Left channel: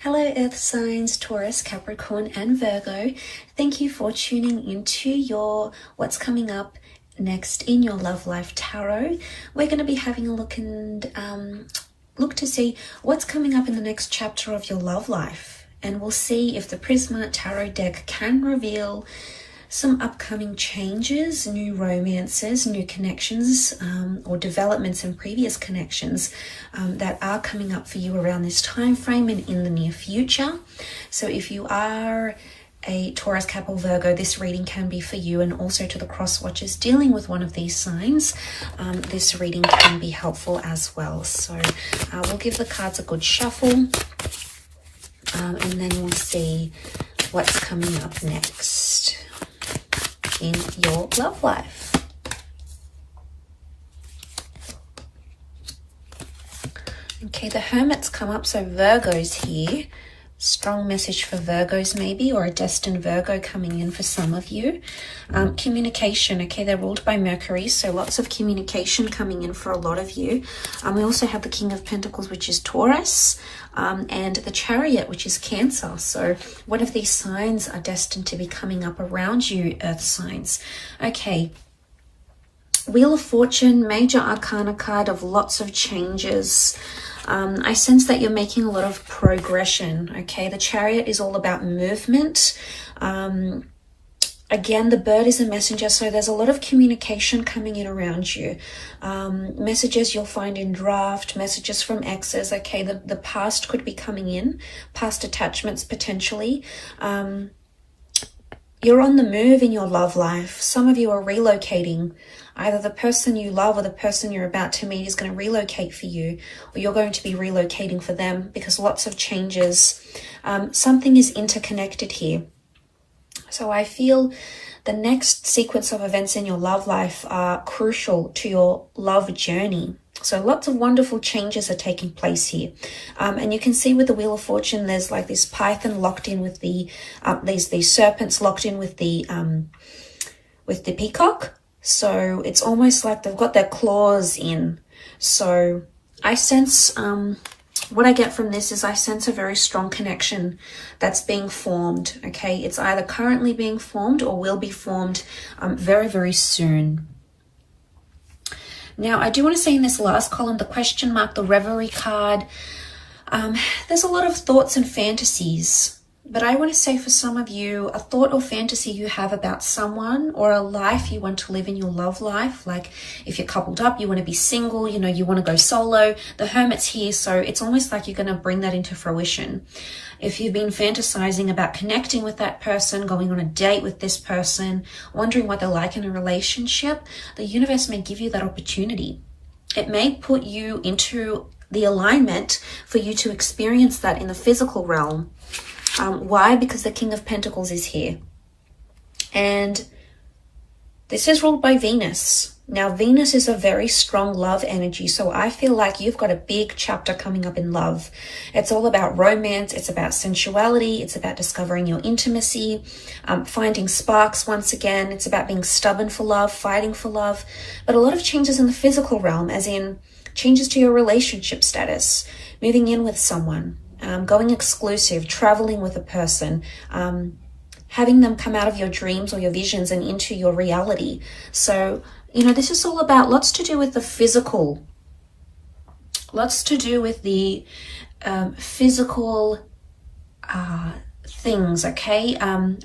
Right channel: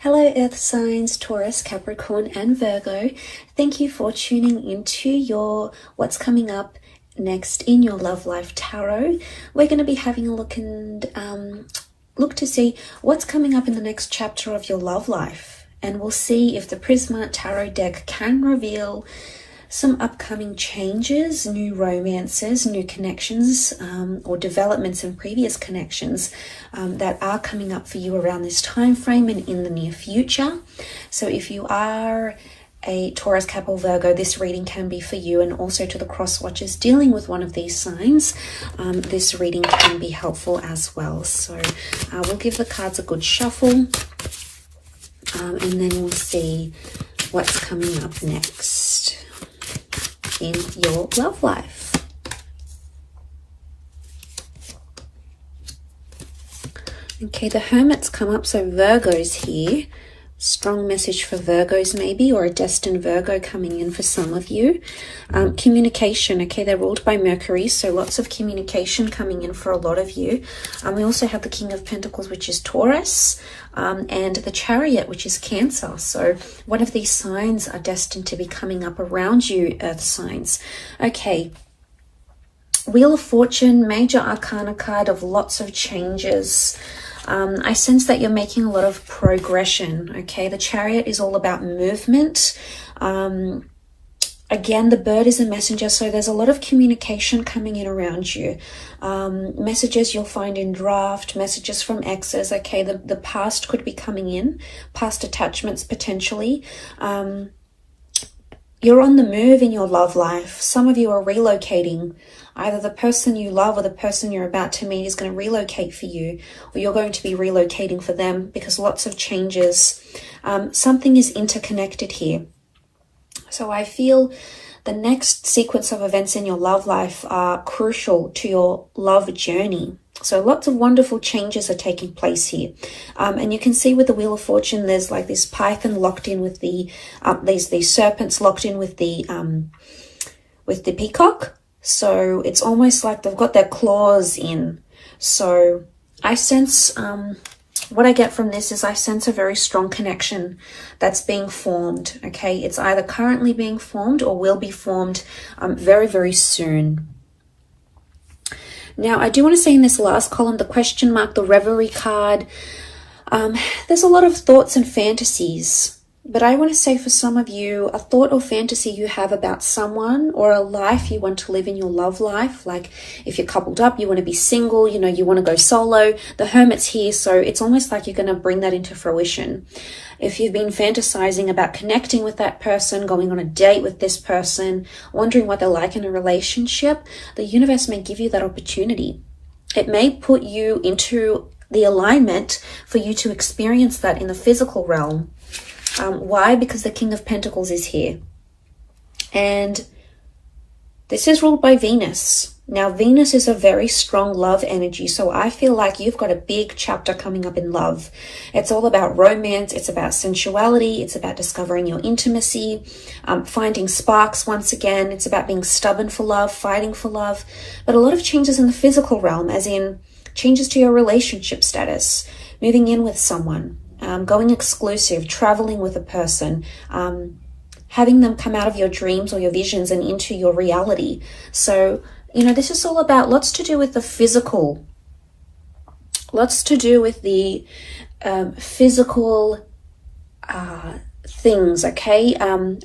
Hello Earth signs, Taurus, Capricorn and Virgo. Thank you for tuning into your what's coming up next in your love life tarot. We're going to be having a look and look to see what's coming up in the next chapter of your love life. And we'll see if the Prisma Tarot deck can reveal some upcoming changes, new romances, new connections, or developments in previous connections that are coming up for you around this time frame and in the near future. So if you are a Taurus, Cap or Virgo, this reading can be for you, and also to the cross watchers dealing with one of these signs, this reading can be helpful as well. So we'll give the cards a good shuffle, and then we'll see what's coming up next in your love life. Okay, the Hermit's come up, so Virgo's here. Strong message for Virgos maybe, or a destined Virgo coming in for some of you. Communication, okay, they're ruled by Mercury, so lots of communication coming in for a lot of you. We also have the King of Pentacles, which is Taurus, and the Chariot, which is Cancer. So one of these signs are destined to be coming up around you, Earth signs. Okay, Wheel of Fortune, major arcana card of lots of changes. I sense that you're making a lot of progression, okay? The Chariot is all about movement. Again, the bird is a messenger, so there's a lot of communication coming in around you. Messages you'll find in draft, messages from exes, okay? The past could be coming in, past attachments potentially. You're on the move in your love life. Some of you are relocating. Either the person you love or the person you're about to meet is going to relocate for you, or you're going to be relocating for them, because lots of changes. Something is interconnected here. So I feel the next sequence of events in your love life are crucial to your love journey. So lots of wonderful changes are taking place here. And you can see with the Wheel of Fortune, there's like this python locked in with the, these serpents locked in with the peacock. So it's almost like they've got their claws in. So I sense, what I get from this is I sense a very strong connection that's being formed, okay? It's either currently being formed or will be formed very, very soon. Now, I do want to say in this last column, the question mark, the Reverie card, there's a lot of thoughts and fantasies. But I want to say for some of you, a thought or fantasy you have about someone, or a life you want to live in your love life. Like if you're coupled up, you want to be single, you know, you want to go solo. The Hermit's here, so it's almost like you're going to bring that into fruition. If you've been fantasizing about connecting with that person, going on a date with this person, wondering what they're like in a relationship, the universe may give you that opportunity. It may put you into the alignment for you to experience that in the physical realm. Why? Because the King of Pentacles is here. And this is ruled by Venus. Now, Venus is a very strong love energy. So I feel like you've got a big chapter coming up in love. It's all about romance. It's about sensuality. It's about discovering your intimacy, finding sparks once again. It's about being stubborn for love, fighting for love. But a lot of changes in the physical realm, as in changes to your relationship status, moving in with someone. Going exclusive, traveling with a person, having them come out of your dreams or your visions and into your reality. So, you know, this is all about lots to do with the physical, lots to do with the physical things, okay?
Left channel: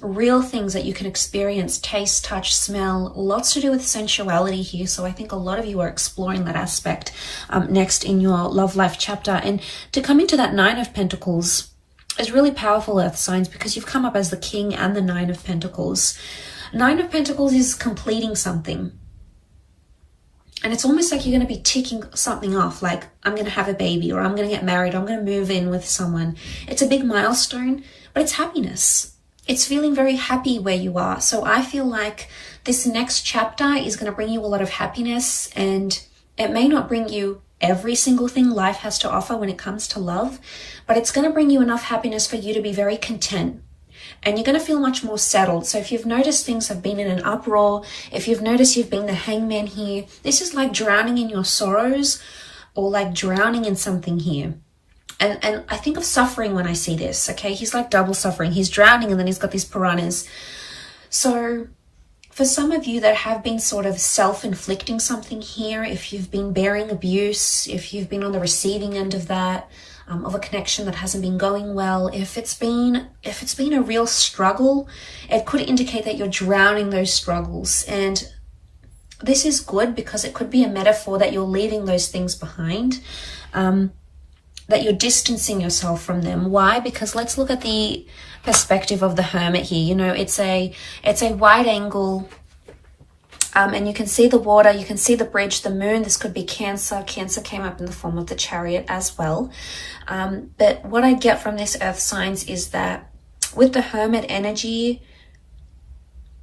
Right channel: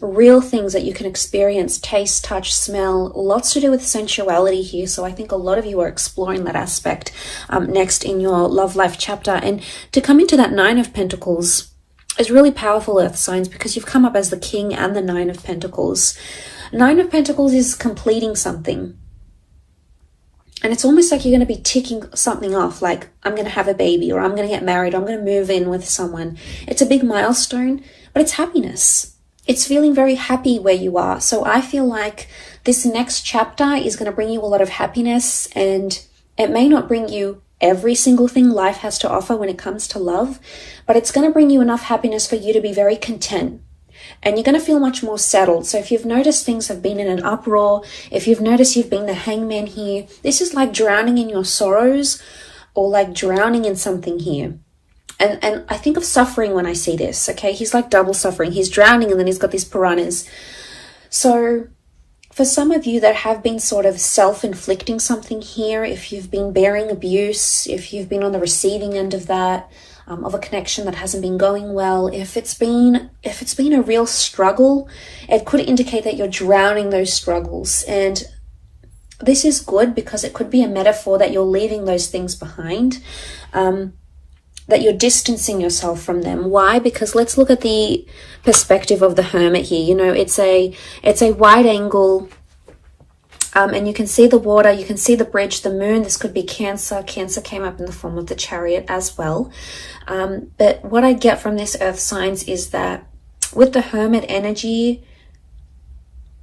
Real things that you can experience, taste, touch, smell, lots to do with sensuality here. So I think a lot of you are exploring that aspect next in your love life chapter. And to come into that Nine of Pentacles is really powerful, Earth signs, because you've come up as the King and the Nine of Pentacles. Nine of Pentacles is completing something. And it's almost like you're going to be ticking something off, like I'm going to have a baby, or I'm going to get married, or I'm going to move in with someone. It's a big milestone, but it's happiness. It's feeling very happy where you are. So I feel like this next chapter is going to bring you a lot of happiness, and it may not bring you every single thing life has to offer when it comes to love, but it's going to bring you enough happiness for you to be very content. And you're going to feel much more settled. So if you've noticed things have been in an uproar, if you've noticed you've been the hangman here, this is like drowning in your sorrows, or like drowning in something here. And I think of suffering when I see this, okay? He's like double suffering. He's drowning and then he's got these piranhas. So for some of you that have been sort of self-inflicting something here, if you've been bearing abuse, if you've been on the receiving end of that, of a connection that hasn't been going well, if it's been a real struggle, it could indicate that you're drowning those struggles. And this is good because it could be a metaphor that you're leaving those things behind, that you're distancing yourself from them. Why? Because let's look at the perspective of the Hermit here. You know, it's a wide angle, and you can see the water, you can see the bridge, the moon. This could be Cancer. Cancer came up in the form of the Chariot as well. But what I get from this earth signs is that with the Hermit energy,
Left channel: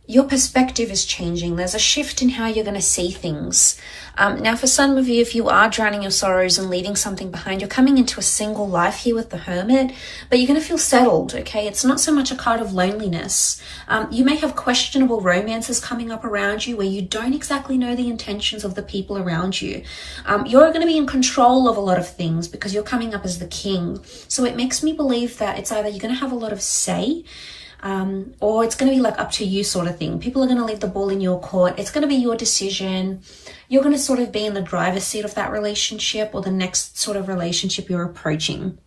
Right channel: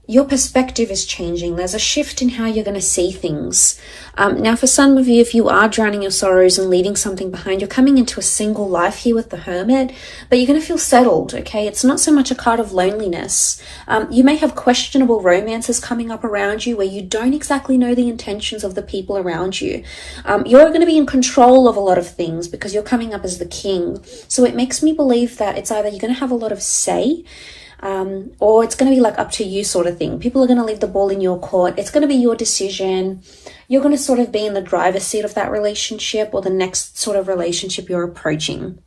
your perspective is changing. There's a shift in how you're going to see things. Now, for some of you, if you are drowning your sorrows and leaving something behind, you're coming into a single life here with the Hermit, but you're going to feel settled, okay? It's not so much a card of loneliness. You may have questionable romances coming up around you where you don't exactly know the intentions of the people around you. You're going to be in control of a lot of things because you're coming up as the king. So it makes me believe that it's either you're going to have a lot of say, or it's going to be like up to you sort of thing. People are going to leave the ball in your court. It's going to be your decision. You're going to sort of be in the driver's seat of that relationship or the next sort of relationship you're approaching.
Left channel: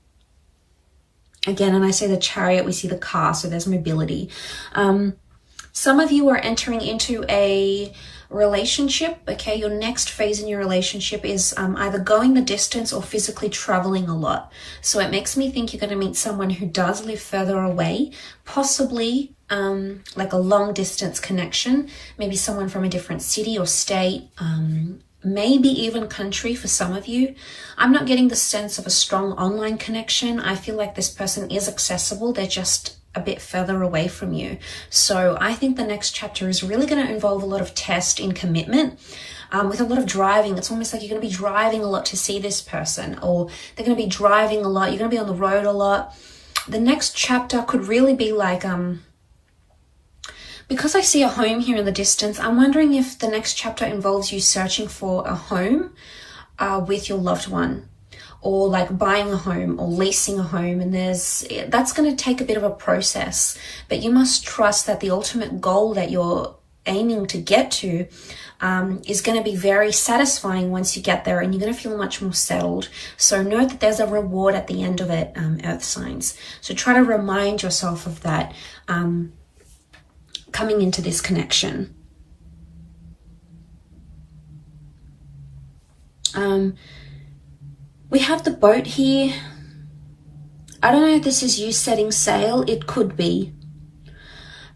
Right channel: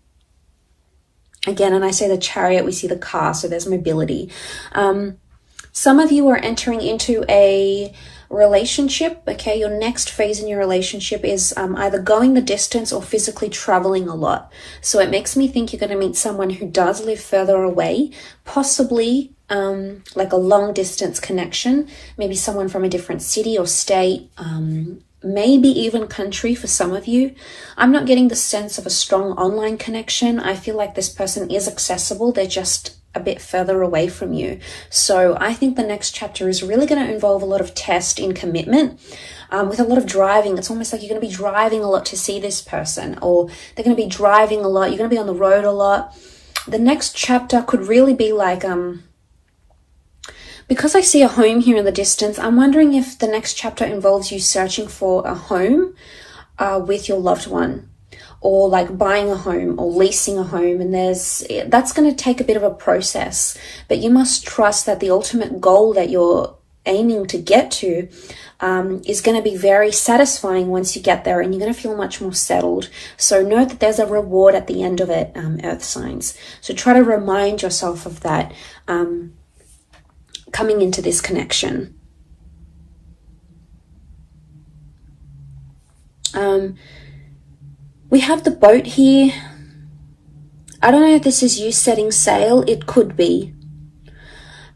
Again, and I say the Chariot, we see the car, so there's mobility. Some of you are entering into a relationship, okay? Your next phase in your relationship is either going the distance or physically traveling a lot. So it makes me think you're going to meet someone who does live further away, possibly like a long distance connection, maybe someone from a different city or state, maybe even country for some of you. I'm not getting the sense of a strong online connection. I feel like this person is accessible. They're just a bit further away from you. So I think the next chapter is really going to involve a lot of test and commitment, with a lot of driving. It's almost like you're going to be driving a lot to see this person, or they're going to be driving a lot. You're going to be on the road a lot. The next chapter could really be like, because I see a home here in the distance, I'm wondering if the next chapter involves you searching for a home with your loved one, or like buying a home or leasing a home. And that's going to take a bit of a process, but you must trust that the ultimate goal that you're aiming to get to is going to be very satisfying once you get there, and you're going to feel much more settled. So know that there's a reward at the end of it, earth signs. So try to remind yourself of that coming into this connection. We have the boat here. I don't know if this is you setting sail. It could be.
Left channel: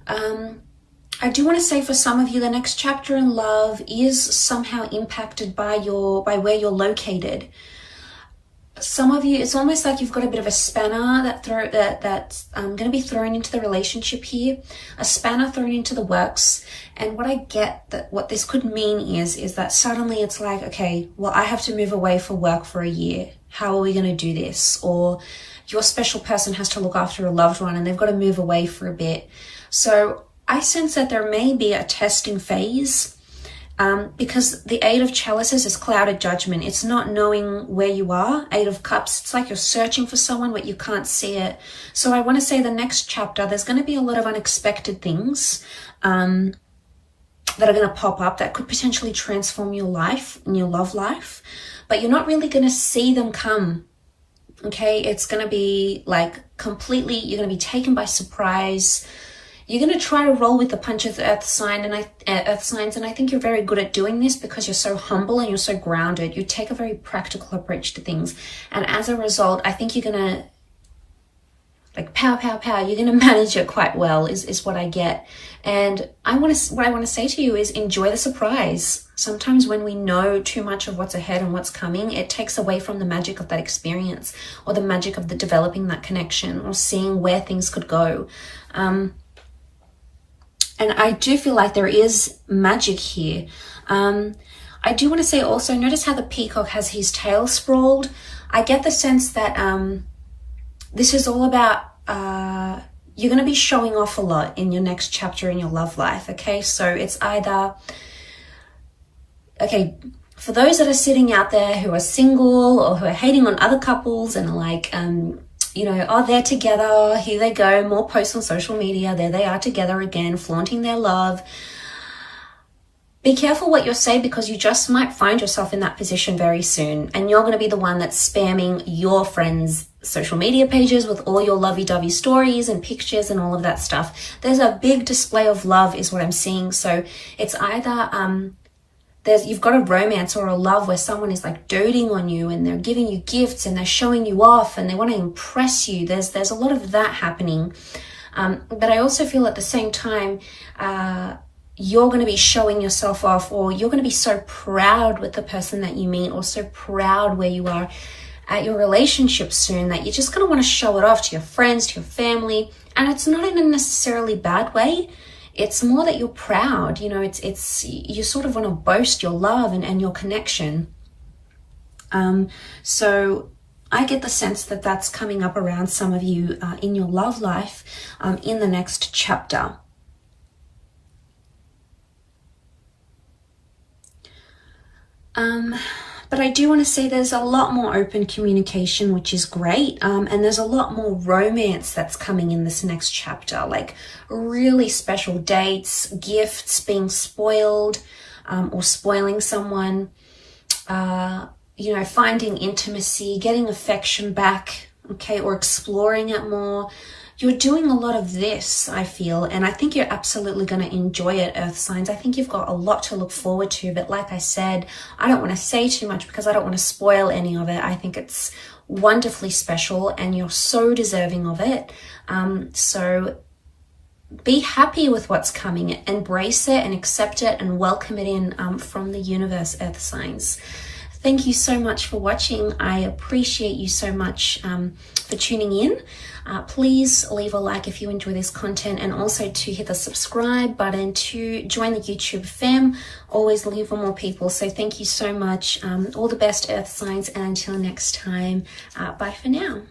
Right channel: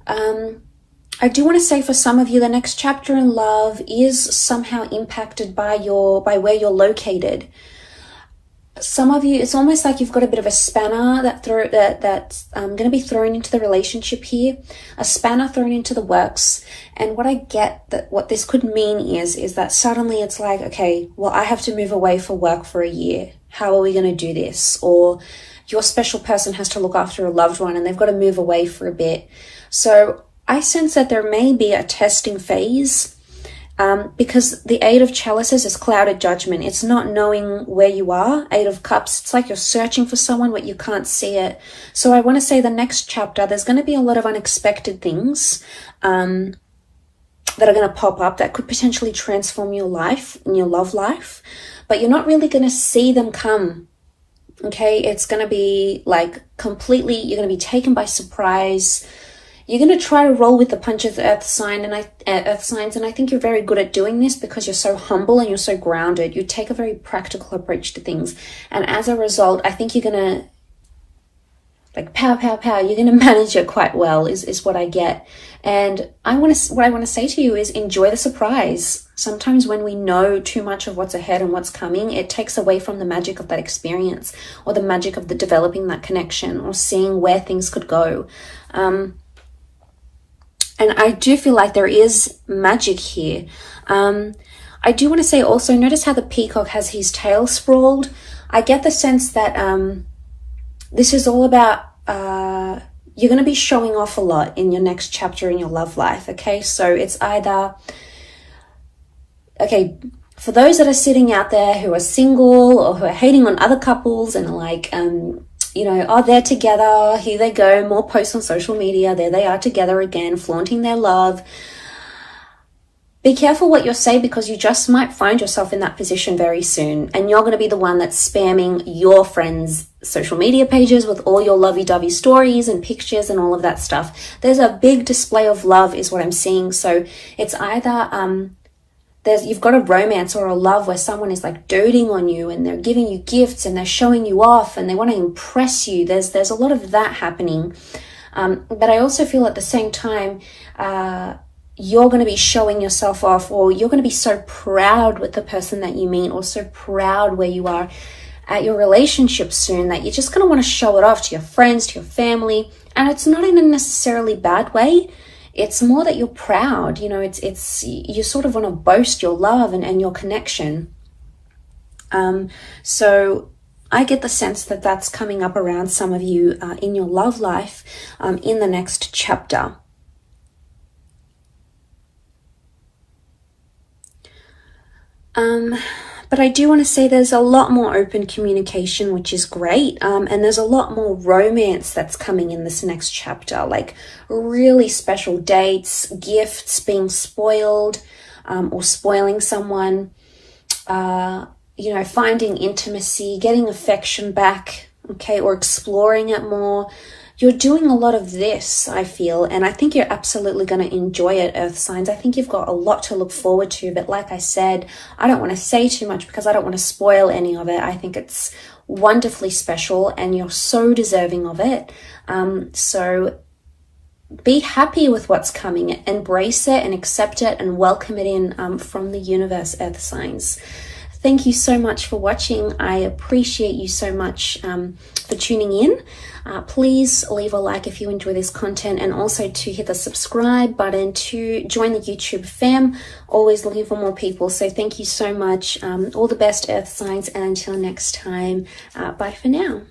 I do want to say for some of you, the next chapter in love is somehow impacted by where you're located. Some of you, it's almost like you've got a bit of a spanner that's going to be thrown into the relationship here, a spanner thrown into the works. And what I get that what this could mean is that suddenly it's like, okay, well, I have to move away for work for a year. How are we going to do this? Or your special person has to look after a loved one and they've got to move away for a bit. So I sense that there may be a testing phase, because the Eight of Chalices is clouded judgment. It's not knowing where you are. Eight of Cups, it's like you're searching for someone but you can't see it. So I want to say the next chapter, there's going to be a lot of unexpected things that are going to pop up that could potentially transform your life and your love life, but you're not really going to see them come. Okay, it's going to be like completely, you're going to be taken by surprise. You're going to try to roll with the punches, earth signs, and I think you're very good at doing this because you're so humble and you're so grounded. You take a very practical approach to things, and as a result, I think you're going to like pow, pow, pow. You're going to manage it quite well, is what I get. And what I want to say to you is enjoy the surprise. Sometimes when we know too much of what's ahead and what's coming, it takes away from the magic of that experience, or the magic of the developing that connection, or seeing where things could go. And I do feel like there is magic here. I do want to say also, notice how the peacock has his tail sprawled. I get the sense that this is all about, you're going to be showing off a lot in your next chapter in your love life, okay? So it's either, okay, For those that are sitting out there who are single or who are hating on other couples and are like, you know, oh, they're together, here they go, more posts on social media, there they are together again, flaunting their love. Be careful what you say, because you just might find yourself in that position very soon, and you're going to be the one that's spamming your friends' social media pages with all your lovey-dovey stories and pictures and all of that stuff. There's a big display of love is what I'm seeing. So it's either you've got a romance or a love where someone is like doting on you and they're giving you gifts and they're showing you off and they want to impress you. There's a lot of that happening. But I also feel at the same time, you're going to be showing yourself off, or you're going to be so proud with the person that you meet, or so proud where you are at your relationship soon, that you're just going to want to show it off to your friends, to your family. And it's not in a necessarily bad way. It's more that you're proud, you know, it's you sort of want to boast your love and your connection. So I get the sense that that's coming up around some of you in your love life in the next chapter. But I do want to say there's a lot more open communication, which is great. And there's a lot more romance that's coming in this next chapter, like really special dates, gifts, being spoiled, or spoiling someone, you know, finding intimacy, getting affection back, okay, or exploring it more. You're doing a lot of this, I feel, and I think you're absolutely going to enjoy it, Earth signs. I think you've got a lot to look forward to, but like I said, I don't want to say too much because I don't want to spoil any of it. I think it's wonderfully special and you're so deserving of it. So be happy with what's coming, embrace it and accept it and welcome it in from the universe, Earth signs. Thank you so much for watching. I appreciate you so much for tuning in. Please leave a like if you enjoy this content, and also to hit the subscribe button to join the YouTube fam. Always looking for more people. So thank you so much. All the best, Earth signs, and until next time, bye for now.